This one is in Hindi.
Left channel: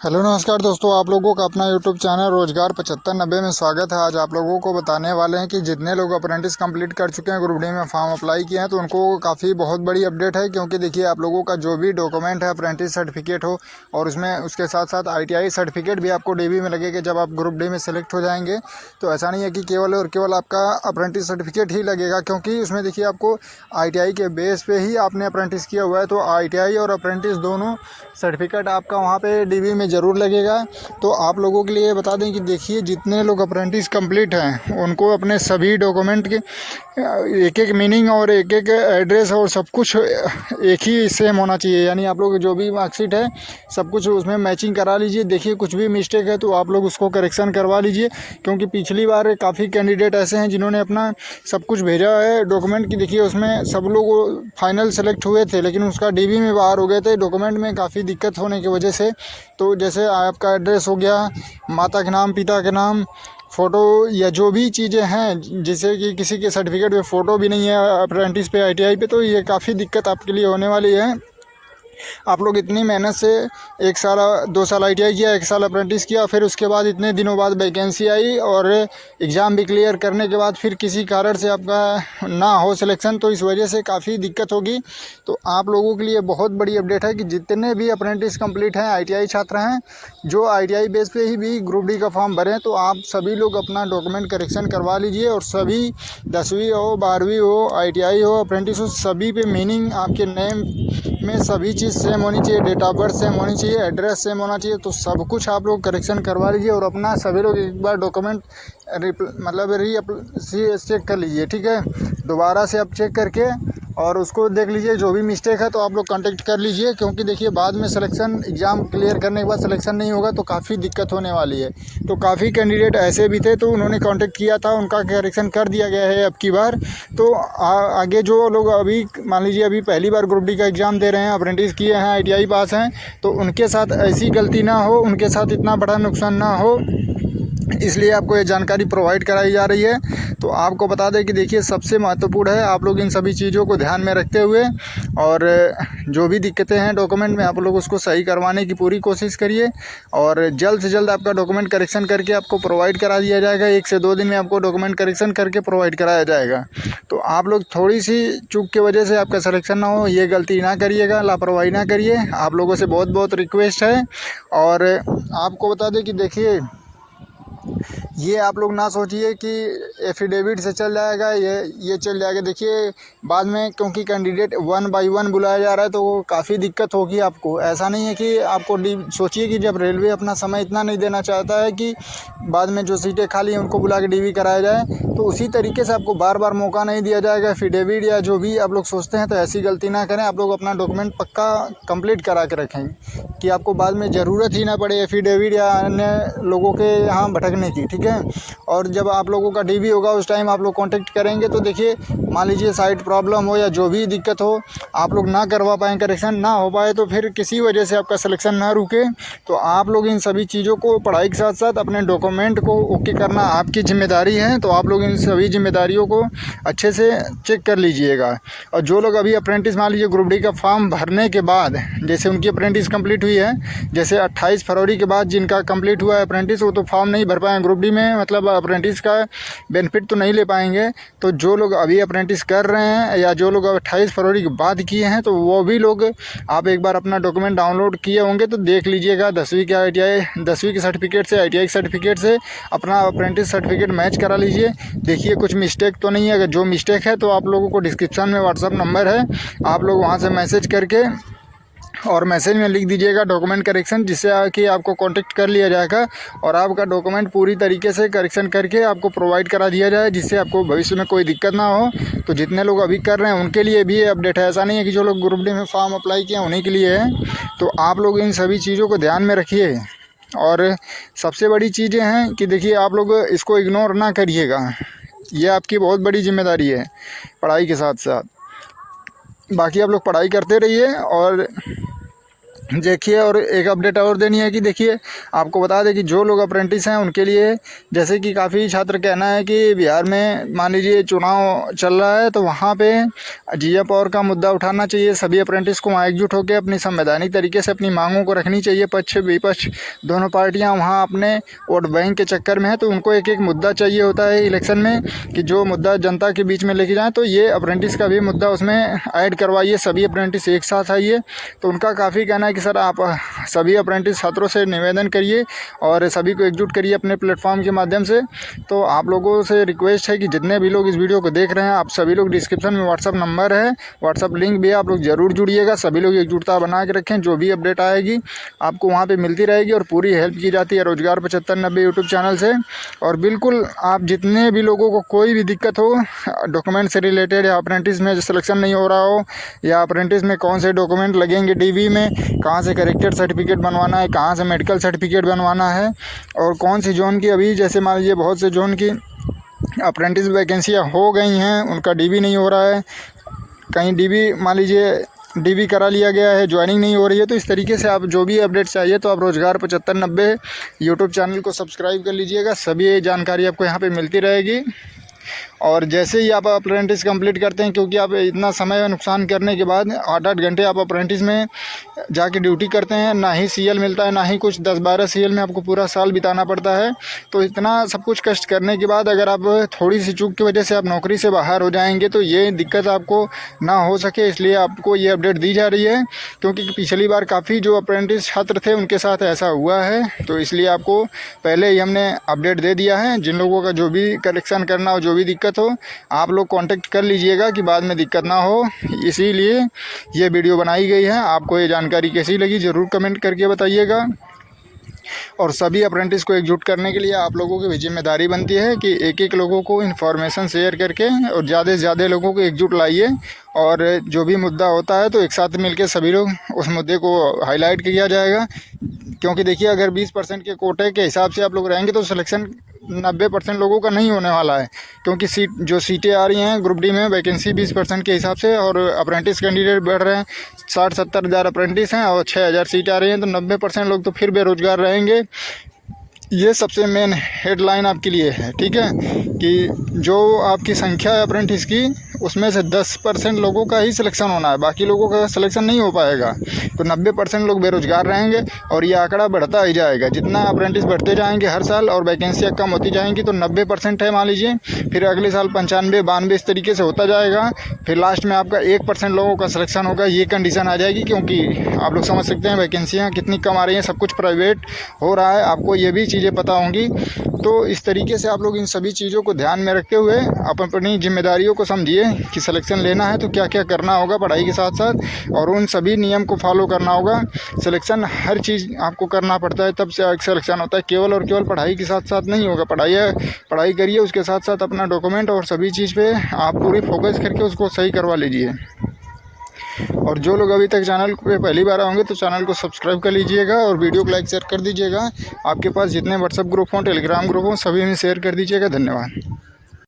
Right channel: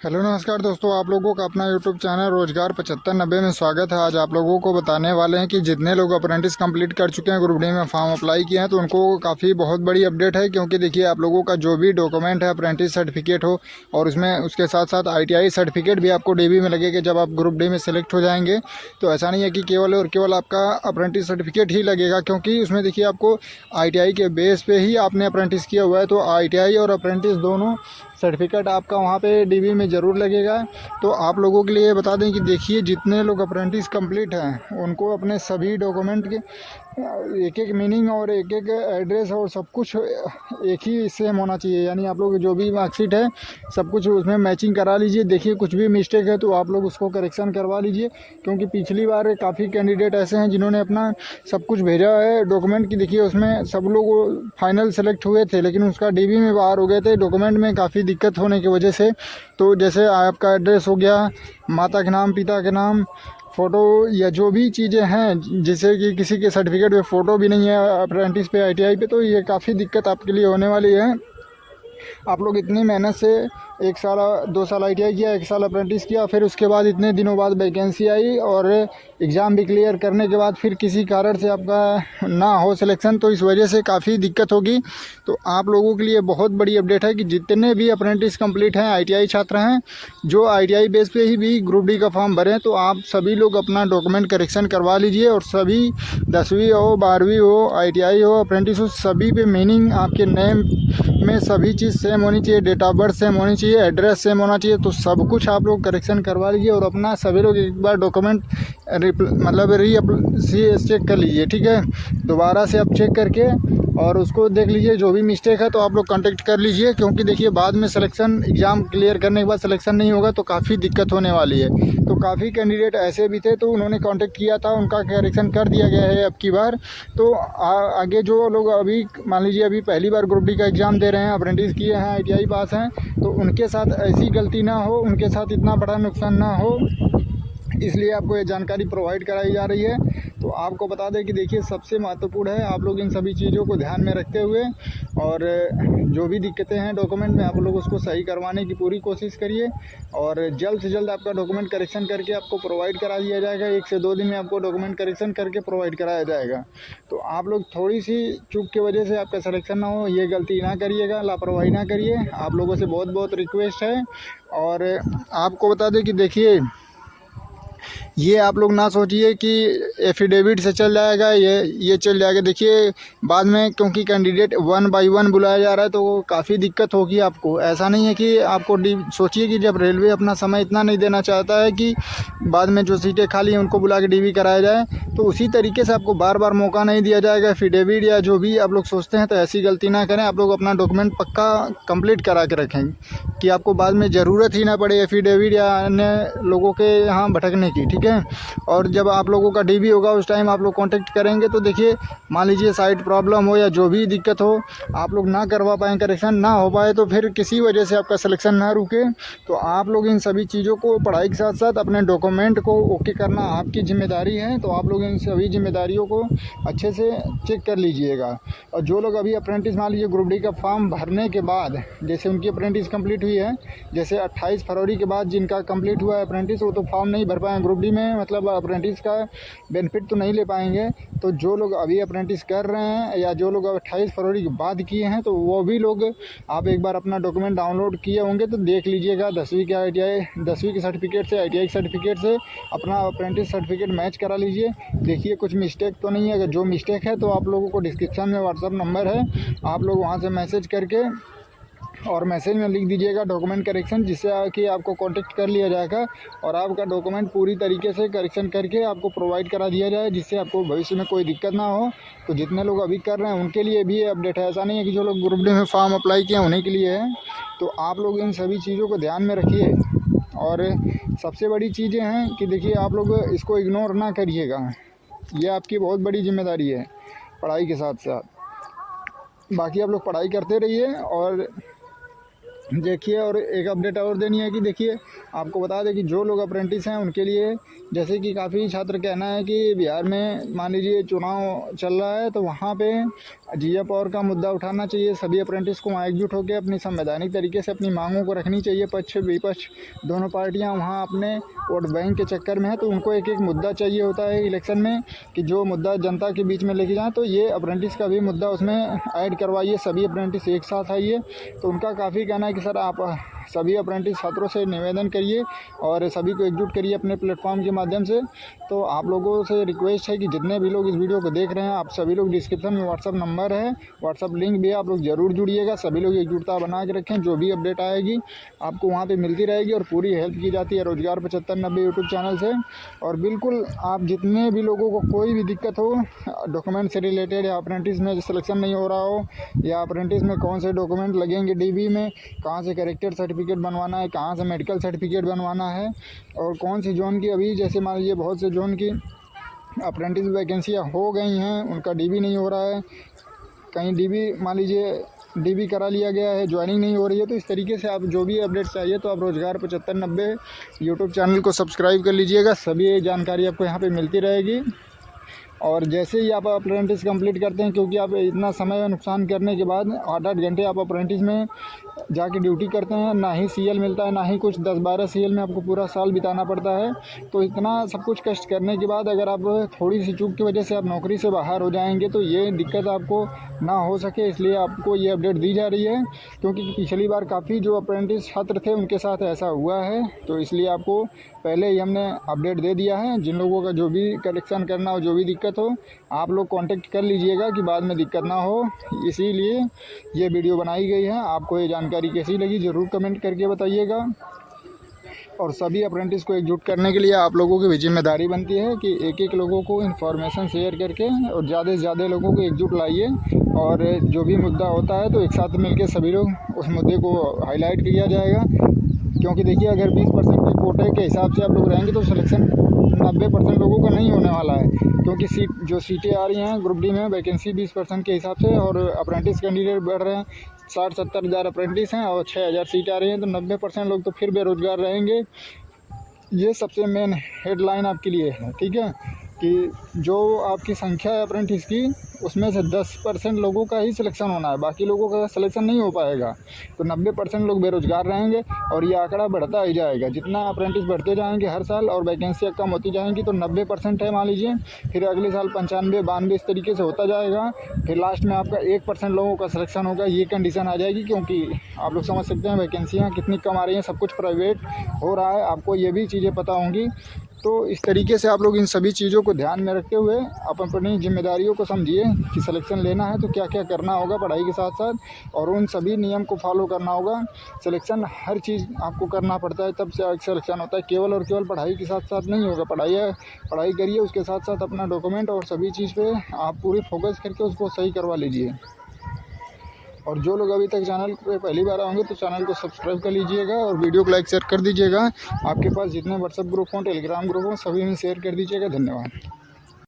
हेलो नमस्कार दोस्तों, आप लोगों का अपना यूट्यूब चैनल रोजगार 7590 में स्वागत है। आज आप लोगों को बताने वाले हैं कि जितने लोग अप्रेंटिस कंप्लीट कर चुके हैं, ग्रुप डी में फॉर्म अप्लाई किए हैं, तो उनको काफ़ी बहुत बड़ी अपडेट है। क्योंकि देखिए, आप लोगों का जो भी डॉक्यूमेंट है, अप्रेंटिस सर्टिफिकेट हो और उसमें उसके साथ साथ ITI सर्टिफिकेट भी आपको DB में लगेगा जब आप ग्रुप डी में सेलेक्ट हो जाएंगे। तो ऐसा नहीं है कि केवल और केवल आपका अप्रेंटिस सर्टिफिकेट ही लगेगा, क्योंकि उसमें देखिए आपको ITI के बेस पे ही आपने अप्रेंटिस किया हुआ है, तो ITI और अप्रेंटिस दोनों सर्टिफिकेट आपका वहाँ पे DB में ज़रूर लगेगा। तो आप लोगों के लिए बता दें कि देखिए, जितने लोग अप्रेंटिस कंप्लीट हैं उनको अपने सभी डॉक्यूमेंट के एक एक मीनिंग और एक एक एड्रेस और सब कुछ एक ही सेम होना चाहिए। यानी आप लोग जो भी मार्कशीट है सब कुछ उसमें मैचिंग करा लीजिए। देखिए, कुछ भी मिस्टेक है तो आप लोग उसको करेक्शन करवा लीजिए, क्योंकि पिछली बार काफ़ी कैंडिडेट ऐसे हैं जिन्होंने अपना सब कुछ भेजा है डॉक्यूमेंट की। देखिए, उसमें सब लोग फाइनल सेलेक्ट हुए थे, लेकिन उसका DB में बाहर हो गए थे डॉक्यूमेंट में काफ़ी दिक्कत होने की वजह से। तो जैसे आपका एड्रेस हो गया, माता के नाम, पिता के नाम, फ़ोटो या जो भी चीज़ें हैं, जैसे कि किसी के सर्टिफिकेट में फ़ोटो भी नहीं है अप्रेंटिस पे, ITI पे, तो ये काफ़ी दिक्कत आपके लिए होने वाली है। आप लोग इतनी मेहनत से 1 साल 2 साल ITI किया, 1 साल अप्रेंटिस किया, फिर उसके बाद इतने दिनों बाद वैकेंसी आई और एग्ज़ाम भी क्लियर करने के बाद फिर किसी कारण से आपका ना हो सिलेक्शन, तो इस वजह से काफ़ी दिक्कत होगी। तो आप लोगों के लिए बहुत बड़ी अपडेट है कि जितने भी अप्रेंटिस कंप्लीट हैं, ITI छात्र हैं, जो ITI बेस पे ही भी ग्रुप डी का फॉर्म भरें, तो आप सभी लोग अपना डॉक्यूमेंट करेक्शन करवा लीजिए। और सभी 10वीं हो, 12वीं हो, ITI हो, अप्रेंटिस हो, सभी पे मीनिंग आपके नेम में सभी चीज़ सेम होनी चाहिए, डेट ऑफ बर्थ सेम होनी चाहिए, एड्रेस सेम होना चाहिए। तो सब कुछ आप लोग करेक्शन करवा लीजिए और अपना सभी लोग एक बार डॉक्यूमेंट मतलब चेक कर लीजिए, ठीक है। दोबारा से आप चेक करके और उसको देख लीजिए, जो भी मिस्टेक है तो आप लोग कांटेक्ट कर लीजिए। क्योंकि देखिए, बाद में सिलेक्शन एग्ज़ाम क्लियर करने के बाद सिलेक्शन नहीं होगा तो काफ़ी दिक्कत होने वाली है। तो काफ़ी कैंडिडेट ऐसे भी थे तो उन्होंने कांटेक्ट किया था, उनका करेक्शन कर दिया गया है अब की बार। तो आगे जो लोग अभी मान लीजिए अभी पहली बार ग्रुप डी का एग्ज़ाम दे रहे हैं, अप्रेंटिस किए हैं, ITI पास हैं, तो उनके साथ ऐसी गलती ना हो, उनके साथ इतना बड़ा नुकसान ना हो, इसलिए आपको ये जानकारी प्रोवाइड कराई जा रही है। तो आपको बता दें कि देखिए, सबसे महत्वपूर्ण है आप लोग इन सभी चीज़ों को ध्यान में रखते हुए और जो भी दिक्कतें हैं डॉक्यूमेंट में, आप लोग उसको सही करवाने की पूरी कोशिश करिए। और जल्द से जल्द आपका डॉक्यूमेंट करेक्शन करके आपको प्रोवाइड करा दिया जाएगा। 1 से 2 दिन में आपको डॉक्यूमेंट करेक्शन करके प्रोवाइड कराया जाएगा। तो आप लोग थोड़ी सी चूक की वजह से आपका सिलेक्शन ना हो, ये गलती ना करिएगा, लापरवाही ना करिए। आप लोगों से बहुत बहुत रिक्वेस्ट है। और आपको बता दें कि देखिए, ये आप लोग ना सोचिए कि एफिडेविट से चल जाएगा, ये चल जाएगा। देखिए, बाद में क्योंकि कैंडिडेट 1 बाय 1 बुलाया जा रहा है तो वो काफ़ी दिक्कत होगी आपको। ऐसा नहीं है कि आपको सोचिए कि जब रेलवे अपना समय इतना नहीं देना चाहता है कि बाद में जो सीटें खाली हैं उनको बुला के DB कराया जाए, तो उसी तरीके से आपको बार बार मौका नहीं दिया जाएगा। एफिडेविट या जो भी आप लोग सोचते हैं, तो ऐसी गलती ना करें। आप लोग अपना डॉक्यूमेंट पक्का कंप्लीट करा के रखें कि आपको बाद में ज़रूरत ही ना पड़े एफिडेविट या अन्य लोगों के यहाँ भटकने की, ठीक है। और जब आप लोगों का DB होगा उस टाइम आप लोग कांटेक्ट करेंगे, तो देखिए, मान लीजिए साइट प्रॉब्लम हो या जो भी दिक्कत हो, आप लोग ना करवा पाएँ, करेक्शन ना हो पाए, तो फिर किसी वजह से आपका सिलेक्शन ना रुके। तो आप लोग इन सभी चीज़ों को, पढ़ाई के साथ साथ अपने डॉक्यूमेंट को ओके करना आपकी जिम्मेदारी है। तो आप लोग इन सभी जिम्मेदारियों को अच्छे से चेक कर लीजिएगा। और जो लोग अभी अप्रेंटिस मान लीजिए ग्रुप डी का फॉर्म भरने के बाद, जैसे उनकी अप्रेंटिस कंप्लीट हुई है, जैसे 28 फरवरी के बाद जिनका कंप्लीट हुआ है अप्रेंटिस, वो तो फॉर्म नहीं भर पाए ग्रुप डी में, मतलब अप्रेंटिस का बेनिफिट तो नहीं ले पाएंगे। तो जो लोग अभी अप्रेंटिस कर रहे हैं या जो लोग 28 फरवरी के बाद किए हैं, तो वो भी लोग आप एक बार अपना डॉक्यूमेंट डाउनलोड किए होंगे तो देख लीजिएगा। 10वीं के ITI 10वीं के सर्टिफिकेट से, ITI सर्टिफिकेट से अपना अप्रेंटिस सर्टिफिकेट मैच करा लीजिए। देखिए, कुछ मिस्टेक तो नहीं है। अगर जो मिस्टेक है तो आप लोगों को डिस्क्रिप्शन में व्हाट्सअप नंबर है, आप लोग वहाँ से मैसेज करके और मैसेज में लिख दीजिएगा डॉक्यूमेंट करेक्शन, जिससे कि आपको कांटेक्ट कर लिया जाएगा और आपका डॉक्यूमेंट पूरी तरीके से करेक्शन करके आपको प्रोवाइड करा दिया जाए, जिससे आपको भविष्य में कोई दिक्कत ना हो। तो जितने लोग अभी कर रहे हैं उनके लिए भी ये अपडेट है। ऐसा नहीं है कि जो लोग ग्रुप डी में फॉर्म अप्लाई किए उन्हीं के लिए है। तो आप लोग इन सभी चीज़ों को ध्यान में रखिए। और सबसे बड़ी चीज़ें हैं कि देखिए, आप लोग इसको इग्नोर ना करिएगा, ये आपकी बहुत बड़ी जिम्मेदारी है पढ़ाई के साथ साथ। बाकी आप लोग पढ़ाई करते रहिए और देखिए, और एक अपडेट और देनी है कि देखिए, आपको बता दें कि जो लोग अप्रेंटिस हैं उनके लिए, जैसे कि काफ़ी छात्र कहना है कि बिहार में मान लीजिए चुनाव चल रहा है, तो वहाँ पे जीए पावर का मुद्दा उठाना चाहिए। सभी अप्रेंटिस को वहाँ एकजुट होकर अपनी संवैधानिक तरीके से अपनी मांगों को रखनी चाहिए। पक्ष विपक्ष दोनों पार्टियाँ वहाँ अपने वोट बैंक के चक्कर में है, तो उनको एक एक मुद्दा चाहिए होता है इलेक्शन में कि जो मुद्दा जनता के बीच में लेके जाएँ। तो ये अप्रेंटिस का भी मुद्दा उसमें ऐड करवाइए, सभी अप्रेंटिस एक साथ आइए। तो उनका काफ़ी कहना है कि सर आप सभी अप्रेंटिस छात्रों से निवेदन करिए और सभी को एकजुट करिए अपने प्लेटफॉर्म के माध्यम से। तो आप लोगों से रिक्वेस्ट है कि जितने भी लोग इस वीडियो को देख रहे हैं, आप सभी लोग डिस्क्रिप्शन में व्हाट्सअप नंबर है, व्हाट्सअप लिंक भी है, आप लोग ज़रूर जुड़िएगा। सभी लोग एकजुटता बना के रखें, जो भी अपडेट आएगी आपको वहाँ पर मिलती रहेगी और पूरी हेल्प की जाती है रोज़गार 7590 यूट्यूब चैनल से। और बिल्कुल आप जितने भी लोगों को कोई भी दिक्कत हो डॉक्यूमेंट से रिलेटेड, या अप्रेंटिस में सिलेक्शन नहीं हो रहा हो, या अप्रेंटिस में कौन से डॉक्यूमेंट लगेंगे, डीवी में कहाँ से करेक्टेड सर्टिफिकेट बनवाना है, कहाँ से मेडिकल सर्टिफिकेट बनवाना है, और कौन सी जोन की, अभी जैसे मान लीजिए बहुत से जोन की अप्रेंटिस वैकेंसियाँ हो गई हैं, उनका डीवी नहीं हो रहा है, कहीं डीवी मान लीजिए डीवी करा लिया गया है, ज्वाइनिंग नहीं हो रही है। तो इस तरीके से आप जो भी अपडेट चाहिए तो आप रोज़गार 7590 यूट्यूब चैनल को सब्सक्राइब कर लीजिएगा। सभी जानकारी आपको यहाँ पे मिलती रहेगी। और जैसे ही आप अप्रेंटिस कंप्लीट करते हैं, क्योंकि आप इतना समय नुकसान करने के बाद 8-8 घंटे आप अप्रेंटिस में जाके ड्यूटी करते हैं, ना ही सीएल मिलता है, ना ही कुछ 10-12 सीएल में आपको पूरा साल बिताना पड़ता है। तो इतना सब कुछ कष्ट करने के बाद अगर आप थोड़ी सी चूक की वजह से आप नौकरी से बाहर हो जाएंगे तो ये दिक्कत आपको ना हो सके, इसलिए आपको ये अपडेट दी जा रही है। क्योंकि पिछली बार काफ़ी जो अप्रेंटिस छात्र थे उनके साथ ऐसा हुआ है, तो इसलिए आपको पहले ही हमने अपडेट दे दिया है। जिन लोगों का जो भी करेक्शन करना हो, जो भी दिक्कत हो, आप लोग कांटेक्ट कर लीजिएगा कि बाद में दिक्कत ना हो, इसीलिए ये वीडियो बनाई गई है। आपको ये जानकारी कैसी लगी ज़रूर कमेंट करके बताइएगा। और सभी अप्रेंटिस को एकजुट करने के लिए आप लोगों की भी जिम्मेदारी बनती है कि एक एक लोगों को इन्फॉर्मेशन शेयर करके और ज़्यादा से ज़्यादा लोगों को एकजुट लाइए, और जो भी मुद्दा होता है तो एक साथ मिलकर सभी लोग उस मुद्दे को हाईलाइट किया जाएगा। क्योंकि देखिए, अगर 20% के कोटे के हिसाब से आप लोग रहेंगे तो सिलेक्शन 90% लोगों का नहीं होने वाला है। क्योंकि जो सीटें आ रही हैं ग्रुप डी में वैकेंसी 20% के हिसाब से, और अप्रेंटिस कैंडिडेट बढ़ रहे हैं, 60-70 हज़ार अप्रेंटिस हैं और 6000 सीटें आ रही हैं, तो 90% लोग तो फिर बेरोज़गार रहेंगे। ये सबसे मेन हेडलाइन आपके लिए है, ठीक है, कि जो आपकी संख्या है अप्रेंटिस की, उसमें से 10% लोगों का ही सिलेक्शन होना है, बाकी लोगों का सिलेक्शन नहीं हो पाएगा। तो 90% लोग बेरोज़गार रहेंगे और ये आंकड़ा बढ़ता ही जाएगा। जितना अप्रेंटिस बढ़ते जाएंगे हर साल और वैकेंसियाँ कम होती जाएंगी, तो 90% है मान लीजिए, फिर अगले साल 95-92 इस तरीके से होता जाएगा। फिर लास्ट में आपका 1% लोगों का सिलेक्शन होगा, ये कंडीशन आ जाएगी। क्योंकि आप लोग समझ सकते हैं वैकेंसियाँ कितनी कम आ रही हैं, सब कुछ प्राइवेट हो रहा है, आपको ये भी चीज़ें पता होंगी। तो इस तरीके से आप लोग इन सभी चीज़ों को ध्यान में रखते हुए अपनी जिम्मेदारियों को समझिए कि सिलेक्शन लेना है तो क्या क्या करना होगा पढ़ाई के साथ साथ, और उन सभी नियम को फॉलो करना होगा। सिलेक्शन हर चीज़ आपको करना पड़ता है, तब से सिलेक्शन होता है। केवल और केवल पढ़ाई के साथ साथ नहीं होगा, पढ़ाई करिए, उसके साथ साथ अपना डॉक्यूमेंट और सभी चीज़ पे आप पूरी फोकस करके उसको सही करवा लीजिए। और जो लोग अभी तक चैनल पे पहली बार आएंगे तो चैनल को सब्सक्राइब कर लीजिएगा और वीडियो को लाइक शेयर कर दीजिएगा। आपके पास जितने व्हाट्सएप ग्रुप हों, टेलीग्राम ग्रुप हों, सभी में शेयर कर दीजिएगा। धन्यवाद।